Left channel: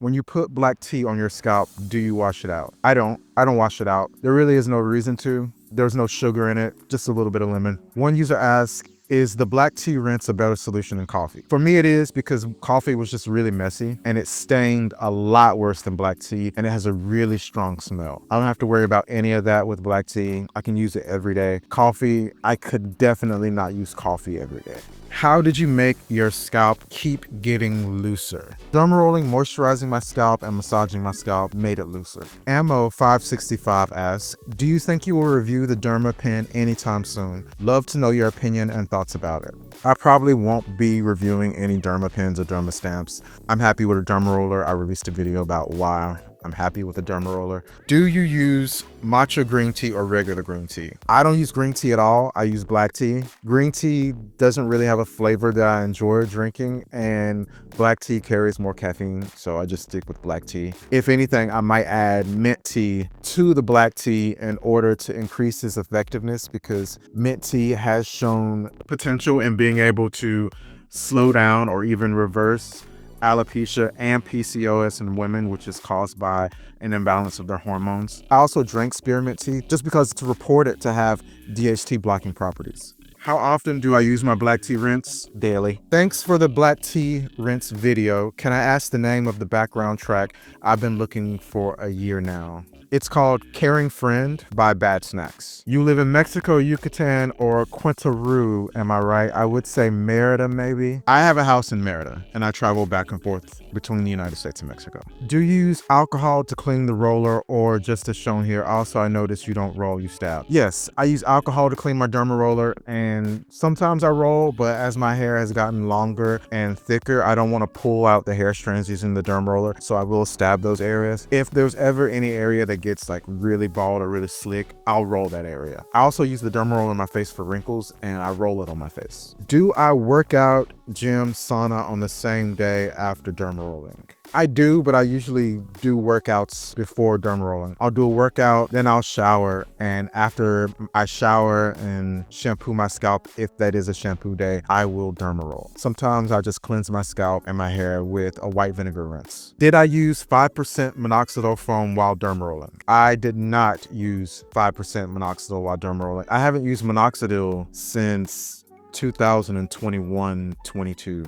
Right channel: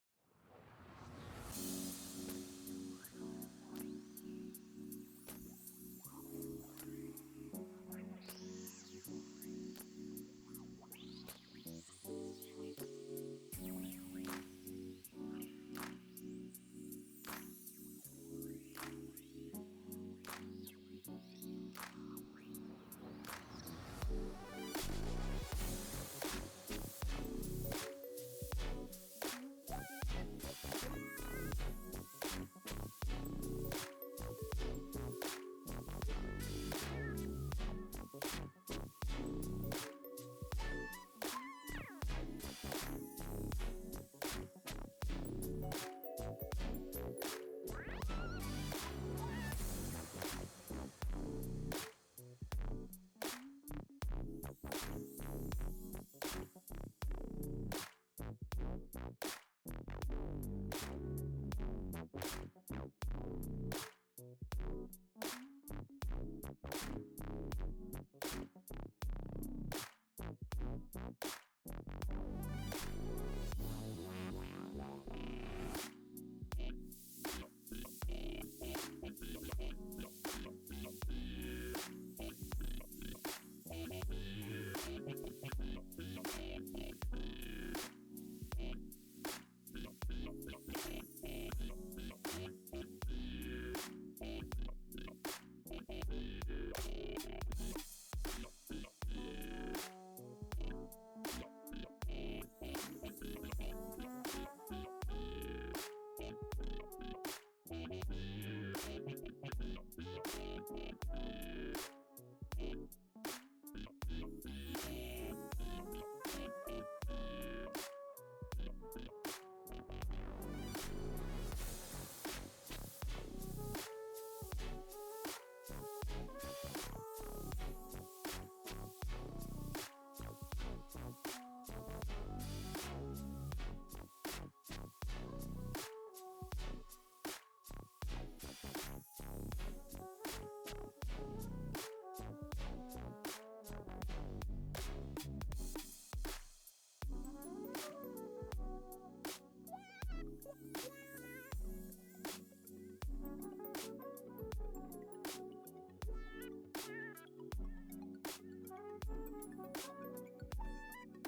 When you put black tea on your scalp, do you wash it out? I don't. I don't wash it out. There really is no reason to. There's no sugar in it, just a little bit of lemon. One user asked, is the black tea rinse a better solution than coffee? For me, it is because coffee was just really messy and it stained a lot worse than black tea and it has a really strong smell. I don't have to worry about any of that with black tea. I can use it every day. Coffee, I could definitely not use coffee every day. How did you make your scalp keep getting looser? Derma rolling, moisturizing my scalp, and massaging my scalp made it looser. Ammo565 asks, do you think you will review the Derma pen anytime soon? Love to know your opinion and thoughts about it. I probably won't be reviewing any Derma pens or Derma stamps. I'm happy with a Derma roller. I released a video about why I'm happy with the Derma roller. Do you use matcha green tea or regular green tea? I don't use green tea at all. I use black tea. Green tea doesn't really have a flavor that I enjoy drinking, and black tea carries more caffeine, so I just stick with black tea. If anything, I might add mint tea to the black tea in order to increase its effectiveness, because mint tea has shown potential in being able to slow down or even reverse alopecia and PCOS in women, which is caused by an imbalance of their hormones. I also drink spearmint tea just because it's reported to have DHT blocking properties. How often do I use my black tea rinse? Daily. Thanks for the black tea rinse video. Can I ask the name of the background track? I've been looking for a year now. It's called Caring Friend by Bad Snacks. You live in Mexico, Yucatan, or Quintana Roo, am I right? I would say Merida, maybe. I have a house in Merida, and I travel back and forth between the United States and Mexico. Do you use alcohol to clean the roller, or just as shown here? Also, I noticed you don't roll, you stab. Yes, I use alcohol to clean my Derma roller, and sometimes I roll, but as my hair has gotten longer and thicker, I don't want to pull out the hair strands using the Derma roller, so I will stab those areas. If there's ever any area that gets like really bald or really slick, I'll roll that area. I also use the Derma roller in my face for wrinkles, and I roll it on my face. Do I work out, gym, sauna on the same day after Derma rolling? I do, but I usually do workouts before derma rolling. I'll do a workout, then I'll shower, and after I shower and shampoo my scalp, if that is a shampoo day, I will derma roll. Sometimes I just cleanse my scalp and my hair with a white vinegar rinse. Did I use 5% minoxidil foam while derma rolling? I did not use 5% minoxidil while derma rolling. I haven't used minoxidil since 2021-22.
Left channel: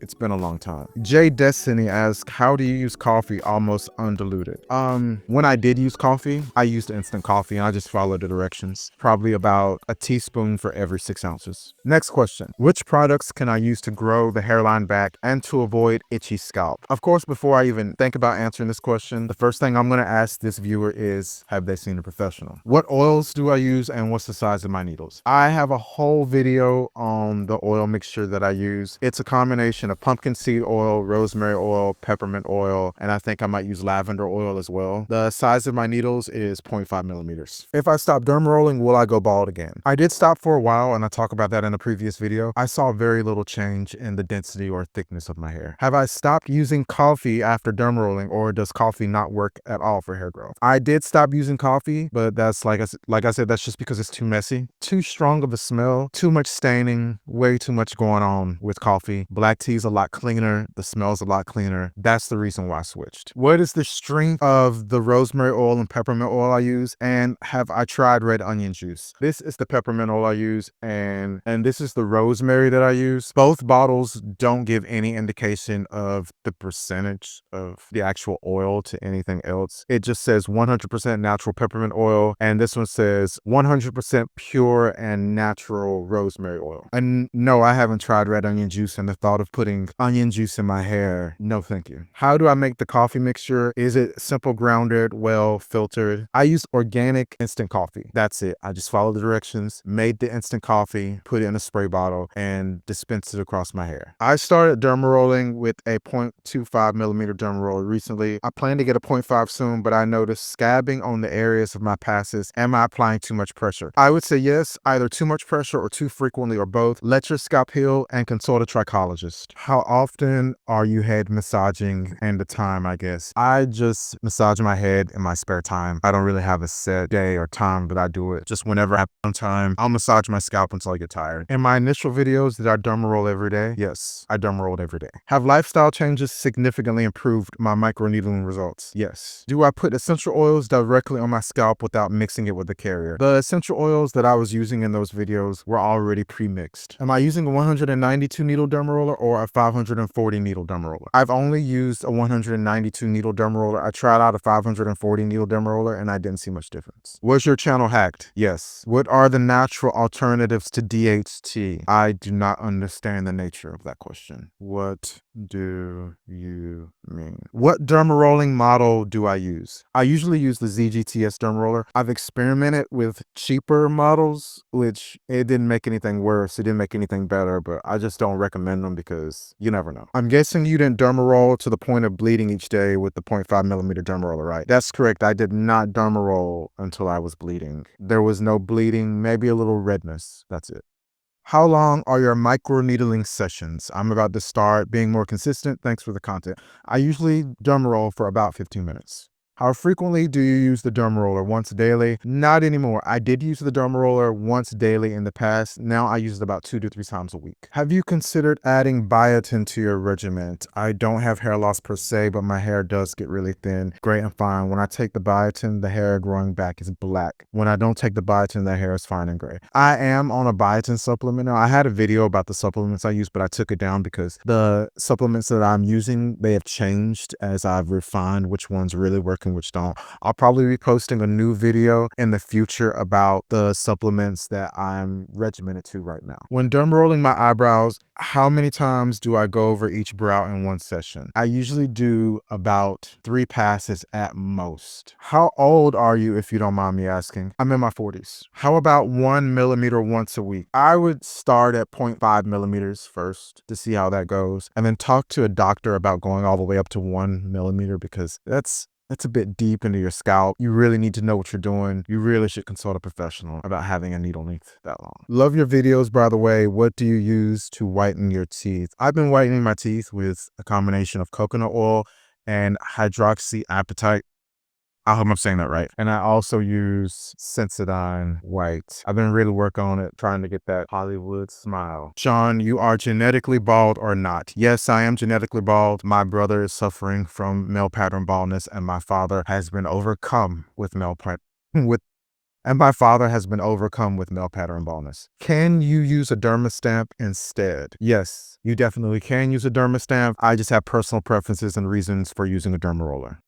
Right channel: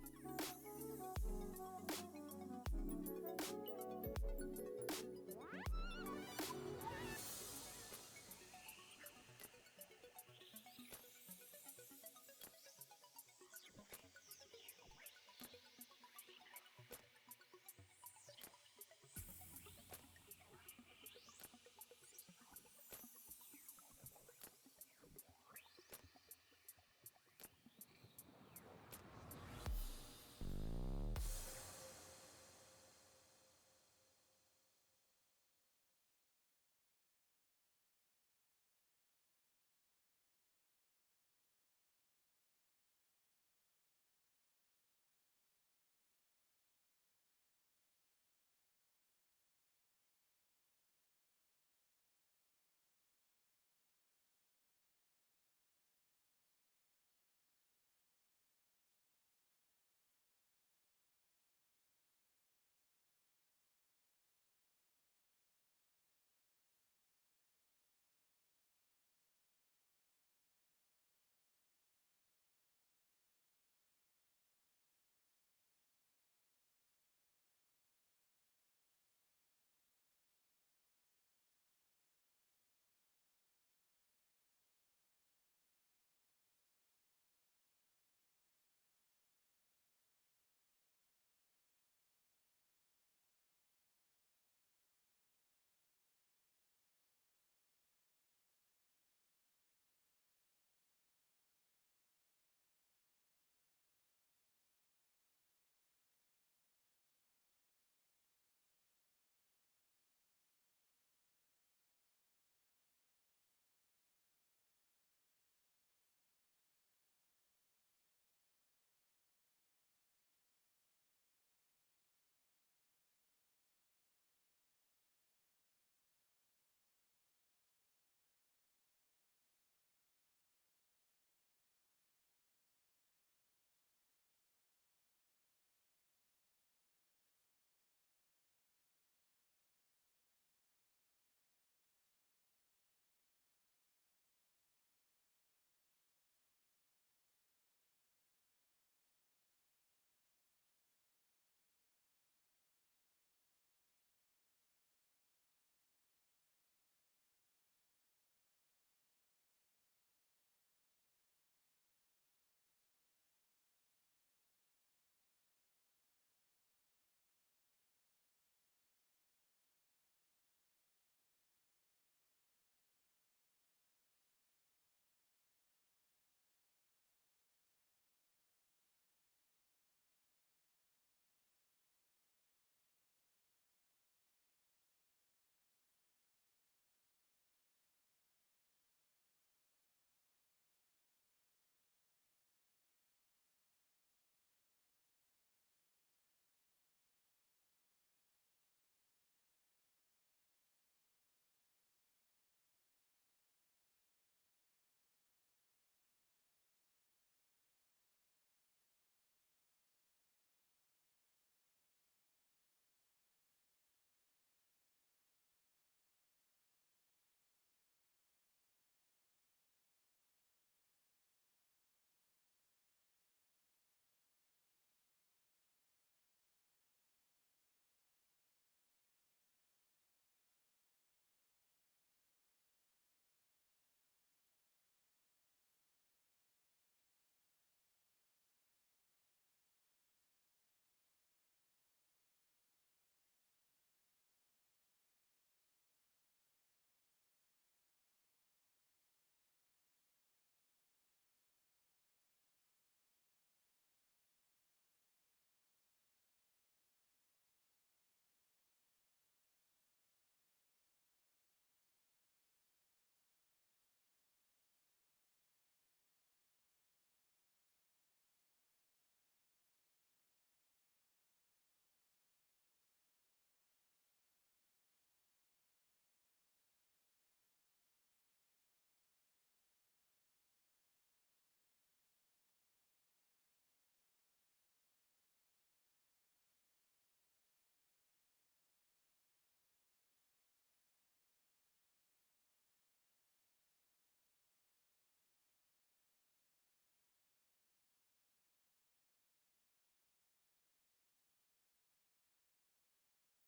It's been a long time. Jay Destiny asks, how do you use coffee almost undiluted? When I did use coffee, I used instant coffee and I just followed the directions. Probably about a teaspoon for every 6 ounces. Next question. Which products can I use to grow the hairline back and to avoid itchy scalp? Of course, before I even think about answering this question, the first thing I'm gonna ask this viewer is, have they seen a professional? What oils do I use and what's the size of my needles? I have a whole video on the oil mixture that I use. It's a combination of pumpkin seed oil, rosemary oil, peppermint oil, and I think I might use lavender oil as well. The size of my needles is 0.5 millimeters. If I stop derma rolling, will I go bald again? I did stop for a while, and I talk about that in a previous video. I saw very little change in the density or thickness of my hair. Have I stopped using coffee after derma rolling, or does coffee not work at all for hair growth? I did stop using coffee, but that's like I said, that's just because it's too messy, too strong of a smell, too much staining, way too much going on with coffee. Black tea is a lot cleaner. The smell's a lot cleaner. That's the reason why I switched. What is the strength of the rosemary oil and peppermint oil I use? And have I tried red onion juice? This is the peppermint oil I use, and this is the rosemary that I use. Both bottles don't give any indication of the percentage of the actual oil to anything else. It just says 100% natural peppermint oil, and this one says 100% pure and natural rosemary oil. And no, I haven't tried red onion juice, and the thought of putting onion juice in my hair, no thank you. How do I make the coffee mixture? Is it simple grounded, well filtered? I use organic instant coffee. That's it. I just follow the directions, made the instant coffee, put it in a spray bottle, and dispensed it across my hair. I started derma rolling with a 0.25 millimeter derma roller recently. I plan to get a 0.5 soon, but I noticed scabbing on the areas of my passes. Am I applying too much pressure? I would say yes, either too much pressure or too frequently or both. Let your scalp heal and consult a trichologist. dermatologist. How often are you head massaging and the time, I guess? I just massage my head in my spare time. I don't really have a set day or time that I do it. Just whenever I have some time, I'll massage my scalp until I get tired. In my initial videos, did I derma roll every day? Yes, I derma rolled every day. Have lifestyle changes significantly improved my microneedling results? Yes. Do I put essential oils directly on my scalp without mixing it with the carrier? The essential oils that I was using in those videos were already pre-mixed. Am I using a 192 needle derma roller or a 540 needle derma roller? I've only used a 192 needle derma roller. I tried out a 540 needle derma roller and I didn't see much difference. Was your channel hacked? Yes. What are the natural alternatives to DHT? I do not understand the nature of that question. What do you mean? What derma rolling model do I use? I usually use the ZGTS derma roller. I've experimented with cheaper models, which it didn't make anything worse. It didn't make anything better, but I just don't recommend them because you never know. I'm guessing you didn't derma roll to the point of bleeding each day with the 0.5 millimeter derma roller, right? That's correct. I did not derma roll until I was bleeding. There was no bleeding, maybe a little redness. That's it. How long are your microneedling sessions? I'm about to start being more consistent. Thanks for the content. I usually derma roll for about 15 minutes. How frequently do you use the derma roller? Once daily? Not anymore. I did use the derma roller once daily in the past. Now I use it about 2 to 3 times a week. Have you considered adding biotin to your regimen? I don't have hair loss per se, but my hair does get really thin, great and fine. When I take the biotin, the hair growing back is black. When I don't take the biotin, the hair is fine and gray. I am on a biotin supplement now. I had a video about the supplements I use, but I took it down because the supplements that I'm using, they have changed as I've refined which ones really work and which don't. I'll probably be posting a new video in the future about the supplements that I'm regimented to right now. When derma rolling my eyebrows, how many times do I go over each brow in one session? I usually do about 3 passes at most. How old are you, if you don't mind me asking? I'm in my 40s. How about 1 millimeter once a week? I would start at 0.5 millimeters first to see how that goes, and then talk to a doctor about going all the way up to 1 millimeter because that's a bit deep into your scalp. You really need to know what you're doing. You really should consult a professional about having a needle length that long. Love your videos, by the way. What do you use to whiten your teeth? I've been whitening my teeth with a combination of coconut oil and hydroxyapatite. I hope I'm saying that right. And I also use Sensodyne White. I've been really working on it, trying to get that Hollywood smile. Sean, you are genetically bald or not? Yes, I am genetically bald. My brother is suffering from male pattern baldness, and my father has been overcome with male pattern baldness. Can you use a derma stamp instead? Yes, you definitely can use a derma stamp. I just have personal preferences and reasons for using a derma roller.